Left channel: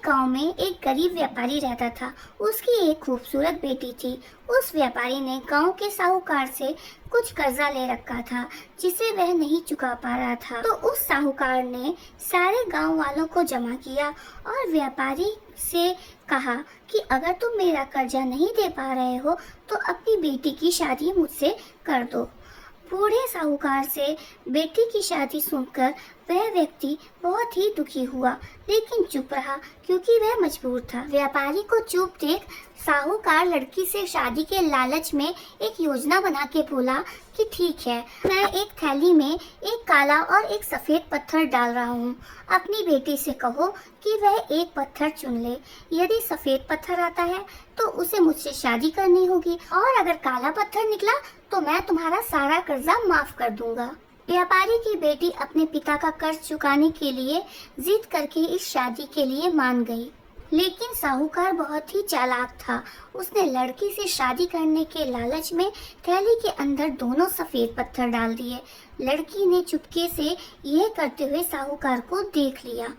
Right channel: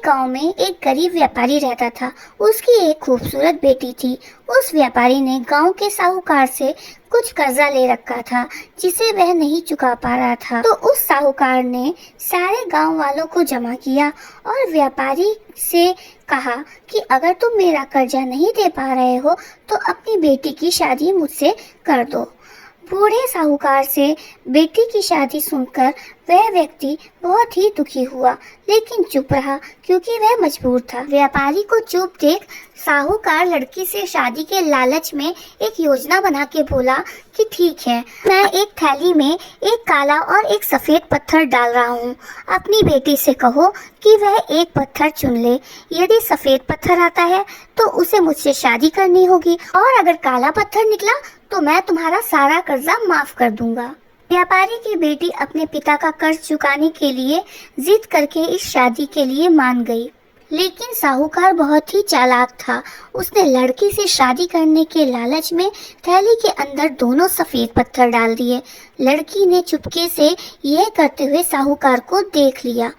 एक गांव में एक गरीब व्यापारी रहता था। उसकी एक खूबसूरत बेटी थी। उस व्यापारी ने गांव के साहूकार से कुछ कर्जा ले रखा था जिसे वह नहीं चुका पा रहा था। तो उस साहूकार ने सारे गांव वालों को जमा किया और व्यापारी से कहा कि अगर तुम मेरा कर्जा नहीं दे पा रहे हो तो अपनी बेटी की शादी मुझसे कर दो। बूढ़े साहूकार से बेटी की शादी सुनकर वह व्यक्ति बहुत ही दुखी हुआ, लेकिन चुप रहा क्योंकि वह मजबूर था। व्यापारी को चुप देख साहूकार लड़की से शादी के लालच में एक योजना बना के बोला कि ठीक है, मैं एक थैली में एक काला और एक सफेद पत्थर डाल रहा हूँ। अपनी बेटी से कहो कि वह एक पत्थर चुन ले। यदि सफेद पत्थर आता है तो उसे मुझसे शादी करनी होगी और अगर काला पत्थर निकला तो मैं तुम्हारा सारा कर्जा माफ कर दूंगा। व्यापारी की बेटी अपने पिता का कर्ज चुकाने के लिए जिद करके इस शादी के लिए मान गई, लेकिन साहूकार बहुत ही चालाक था। उसने लड़की से शादी करने के लालच में थैली के अंदर दोनों सफेद पत्थर डाल दिए। लड़की ने चुपके से यह करते हुए साहूकार को देख लिया।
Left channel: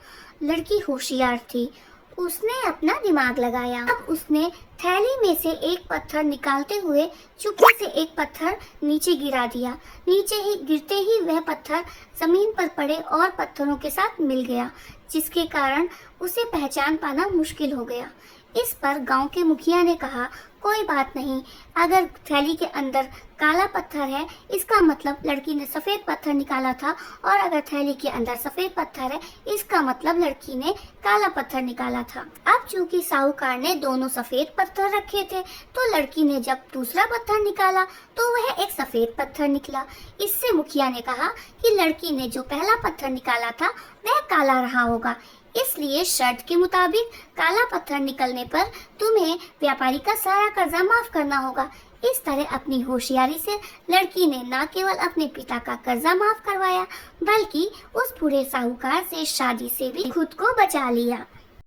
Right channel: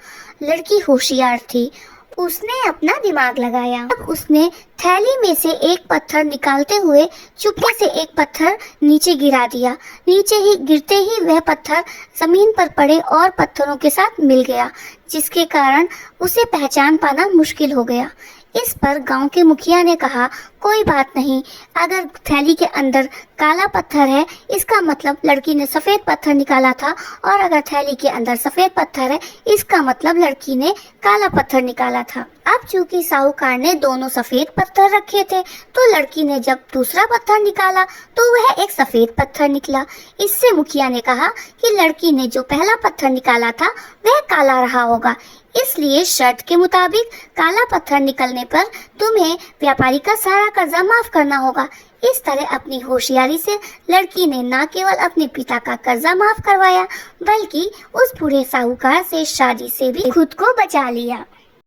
लड़की होशियार थी, उसने अपना दिमाग लगाया। अब उसने थैली में से एक पत्थर निकालते हुए चुपके से एक पत्थर नीचे गिरा दिया। नीचे ही गिरते ही वह पत्थर जमीन पर पड़े और पत्थरों के साथ मिल गया, जिसके कारण उसे पहचान पाना मुश्किल हो गया। इस पर गांव के मुखिया ने कहा, कोई बात नहीं, अगर थैली के अंदर काला पत्थर है इसका मतलब लड़की ने सफेद पत्थर निकाला था, और अगर थैली के अंदर सफेद पत्थर है इसका मतलब लड़की ने काला पत्थर निकाला था। अब चूंकि साहूकार ने दोनों सफेद पत्थर रखे थे तो लड़की ने जब दूसरा पत्थर निकाला तो वह एक सफेद पत्थर निकला। इससे मुखिया ने कहा कि लड़की ने जो पहला पत्थर निकाला था वह काला रहा होगा, इसलिए शर्त के मुताबिक काला पत्थर निकलने पर तुम्हें व्यापारी का सारा कर्जा माफ करना होगा। इस तरह अपनी होशियारी से लड़की ने न केवल अपने पिता का कर्जा माफ करवाया बल्कि उस बूढ़े साहूकार से शादी से भी खुद को बचा लिया।